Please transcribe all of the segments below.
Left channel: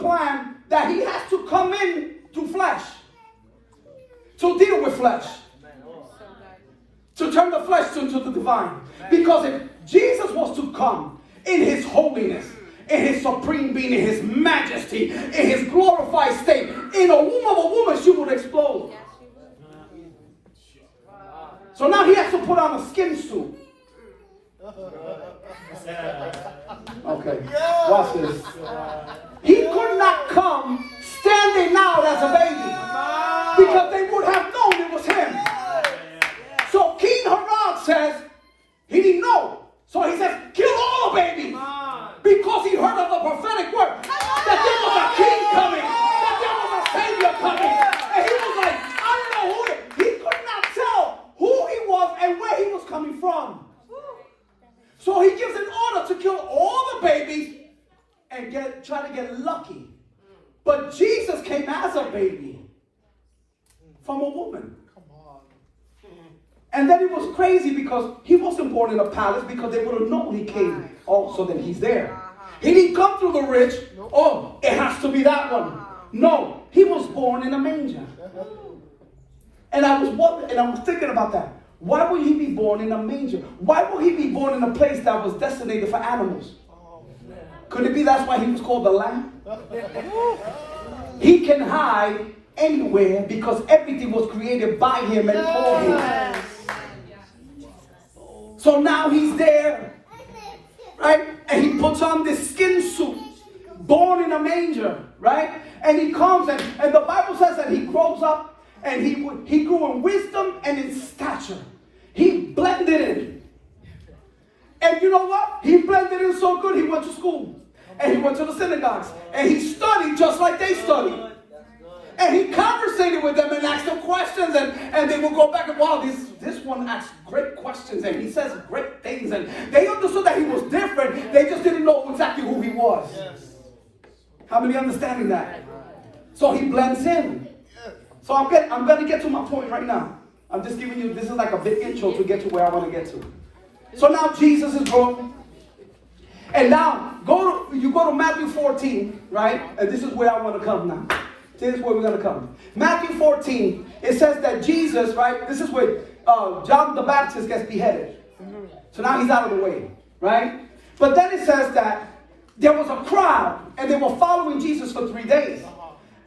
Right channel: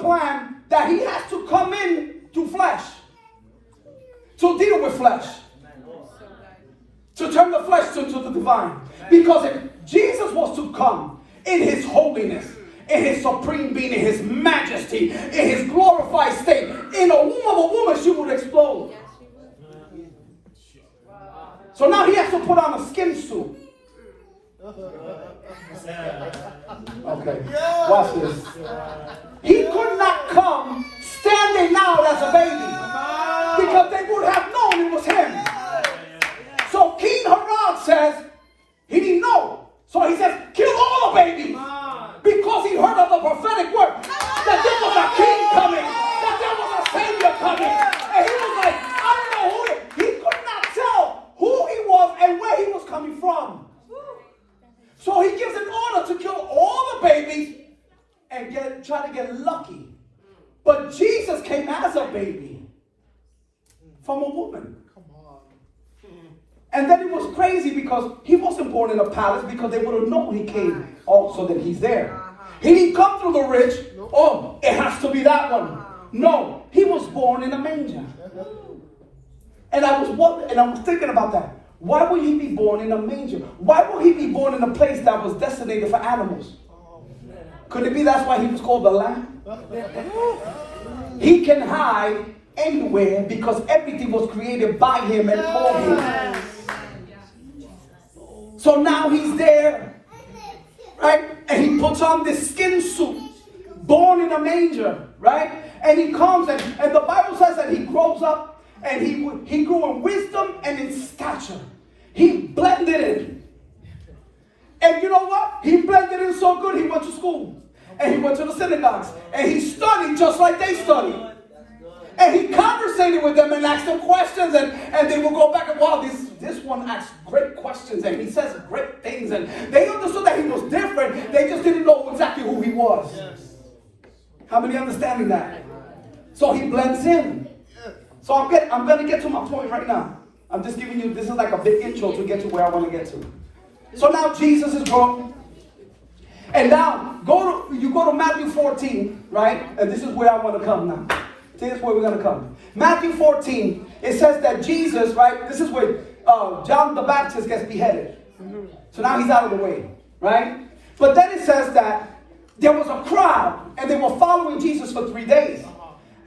plan that he has to come in through flesh, to deal with flesh, to turn the flesh into the divine. Because if Jesus was to come in his holiness, in his supreme being, in his majesty, in his glorified state, in a womb of a woman, she would explode. So now he has to put on a skin suit. Okay, watch this. He could not come standing out as a baby, because they would have known it was him. So King Herod says, he didn't know. So he says, kill all the babies. Because he heard of the prophetic word that there was a king coming, that there was a savior coming. And he was like, I don't know who he could not tell who he was and where he was coming from. So he gives an order to kill all the babies and try to get lucky. But Jesus came as a baby from a woman. And then it was crazy because he wasn't born in a palace, because they would have known he came also that he's there. He didn't come through the rich. Oh, it has to be that one. No, he was born in a manger. And I was thinking about that. Why would he be born in a manger? Why would he be born in a place that was designated for animals? Could it be that's why he was called the Lamb? He can hide anywhere because everything was created by him and for him. So now he's there, right? And he puts on this skin suit, born in a manger, right? And he comes and the Bible says that he grows up and he grew in wisdom and in stature. He blended in. And you know what? He blended in so good, he went to school. And he went to the synagogues. And he studied just like they studied. And he conversated with them and asked them questions. And they would go back and, wow, this one asks great questions. And he says great things. And they understood that he was different. They just didn't know exactly who he was. How many understanding that? So he blends in. So I'm going to get to my point right now. I'm just giving you, this is like a big intro to get to where I want to get to. So now Jesus is grown. And now, you go to Matthew 14, right? And this is where I want to come now. This is where we're going to come. Matthew 14, it says that Jesus, right? This is where John the Baptist gets beheaded. So now he's out of the way, right? But then it says that there was a crowd, and they were following Jesus for 3 days.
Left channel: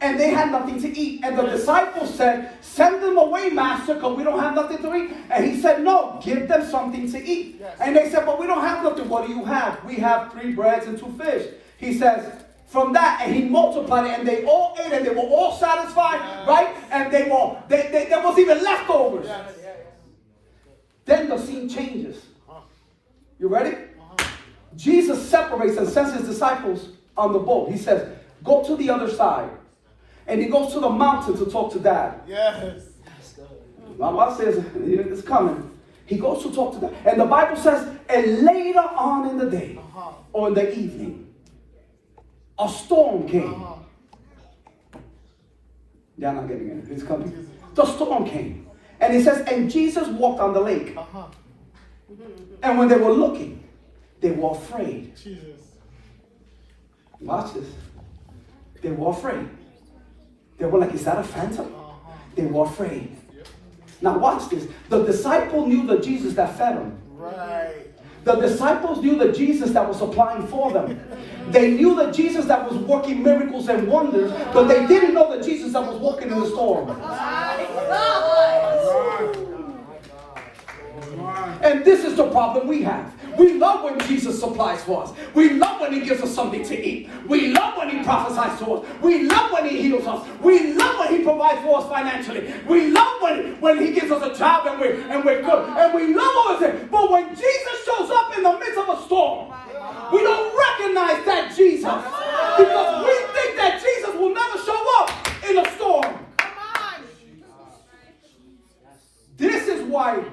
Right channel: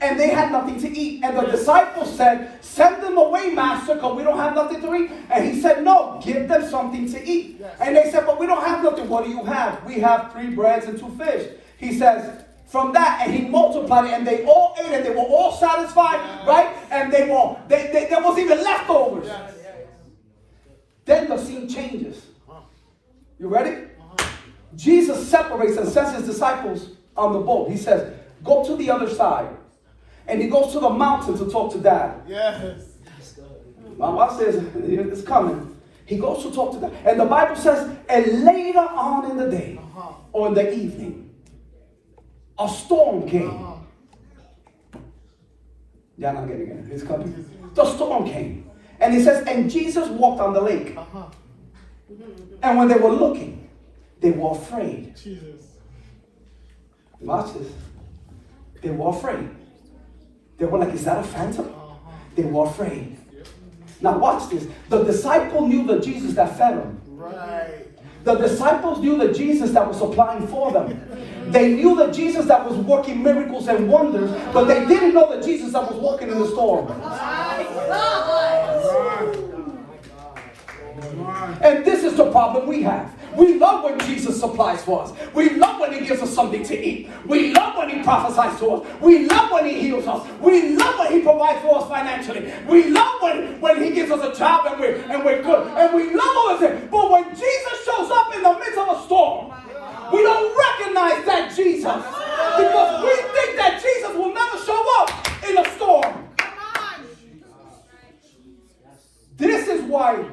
And they had nothing to eat. And the disciples said, send them away, master, because we don't have nothing to eat. And he said, no, give them something to eat. Yes. And they said, but we don't have nothing. What do you have? We have 3 breads and 2 fish. He says, from that, and he multiplied it, and they all ate it. They were all satisfied, right? And there was even leftovers. Then the scene changes. You ready? Jesus separates and sends his disciples on the boat. He says, go to the other side. And he goes to the mountain to talk to Dad. Yes. My wife says, it's coming. He goes to talk to Dad. And the Bible says, and later on in the day, or in the evening, a storm came. Y'all not getting it. It's coming. The storm came. And he says, and Jesus walked on the lake. And when they were looking, they were afraid. Jesus. Watch this. They were afraid. They were like, is that a phantom? They were afraid. Now watch this. The disciple knew the Jesus that fed them. Right. The disciples knew the Jesus that was supplying for them. They knew the Jesus that was working miracles and wonders, but they didn't know the Jesus that was walking in the storm. And this is the problem we have. We love when Jesus supplies for us. We love when he gives us something to eat. We love when he prophesies to us. We love when he heals us. We love when he provides for us financially. We love when he gives us a job and we're good. And we love all this. But when Jesus shows up in the midst of a storm, we don't recognize that Jesus. Because we think that Jesus will never show up in a storm. This is why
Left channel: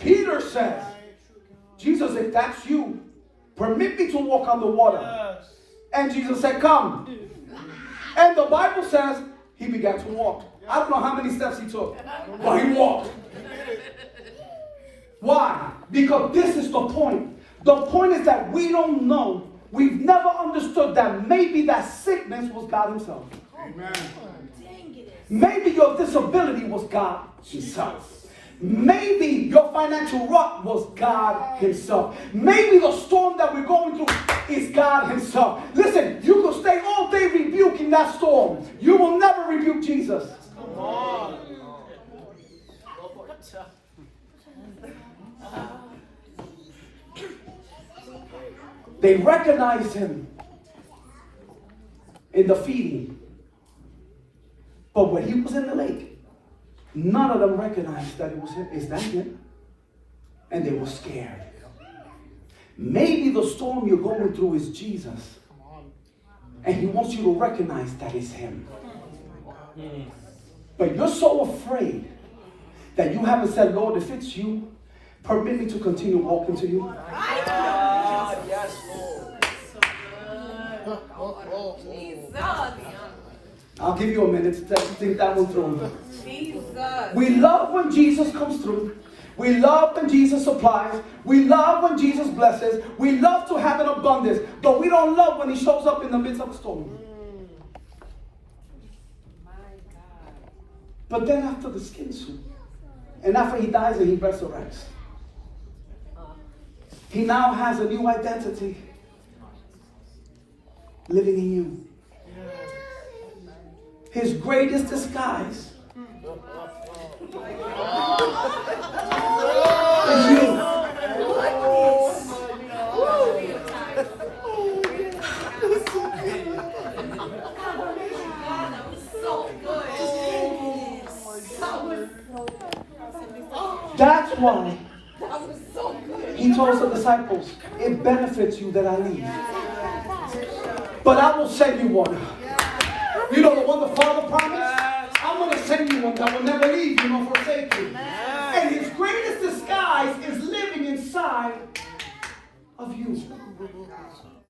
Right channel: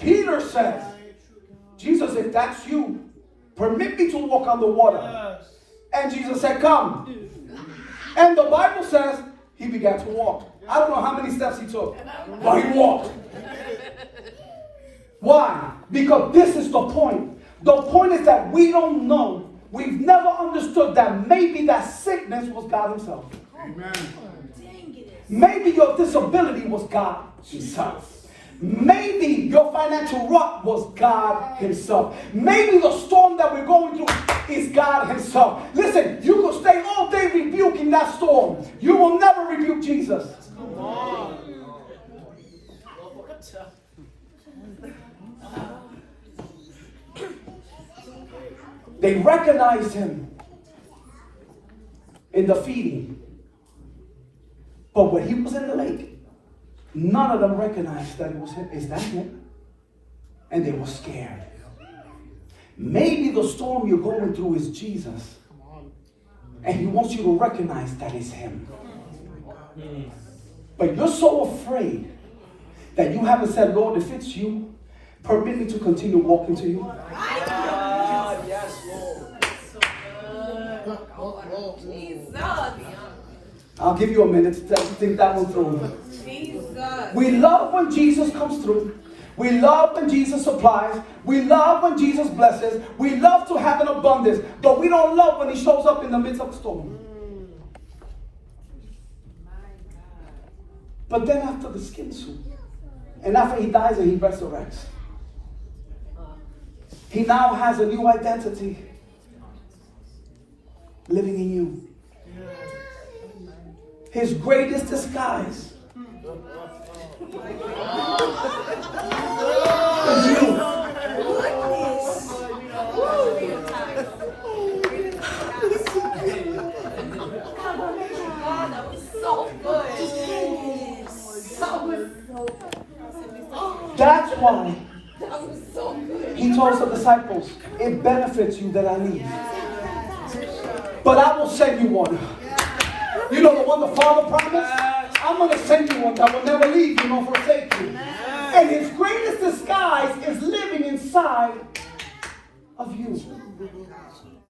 Peter says, Jesus, if that's you, permit me to walk on the water. And Jesus said, come. And the Bible says he began to walk. I don't know how many steps he took, but he walked. Why? Because this is the point. The point is that we don't know we've never understood that maybe that sickness was God himself. Amen. Maybe your disability was God himself. Maybe your financial rut was God himself. Maybe the storm that we're going through is God himself. Listen, you will stay all day rebuking that storm. You will never rebuke Jesus. They recognized him in the feeding. But when he was in the lake, none of them recognized that it was him. Is that him? And they were scared. Maybe the storm you're going through is Jesus. And he wants you to recognize that it's him. But you're so afraid that you haven't said, Lord, if it's you, permit me to continue walking to you. Yes, Lord. Jesus. I'll give you a minute to think that one through. Jesus. We love when Jesus comes through. We love when Jesus supplies. We love when Jesus blesses. We love to have an abundance. But we don't love when he shows up in the midst of the storm. But then after the skin suit, and after he dies and he resurrects, he now has a new identity living in you. His greatest disguise is you. That's why he told the disciples, it benefits you that I leave. But I will send you one. You know the one the Father promised? I'm going to send you one that will never leave you nor forsake you. And his greatest disguise is living inside of you.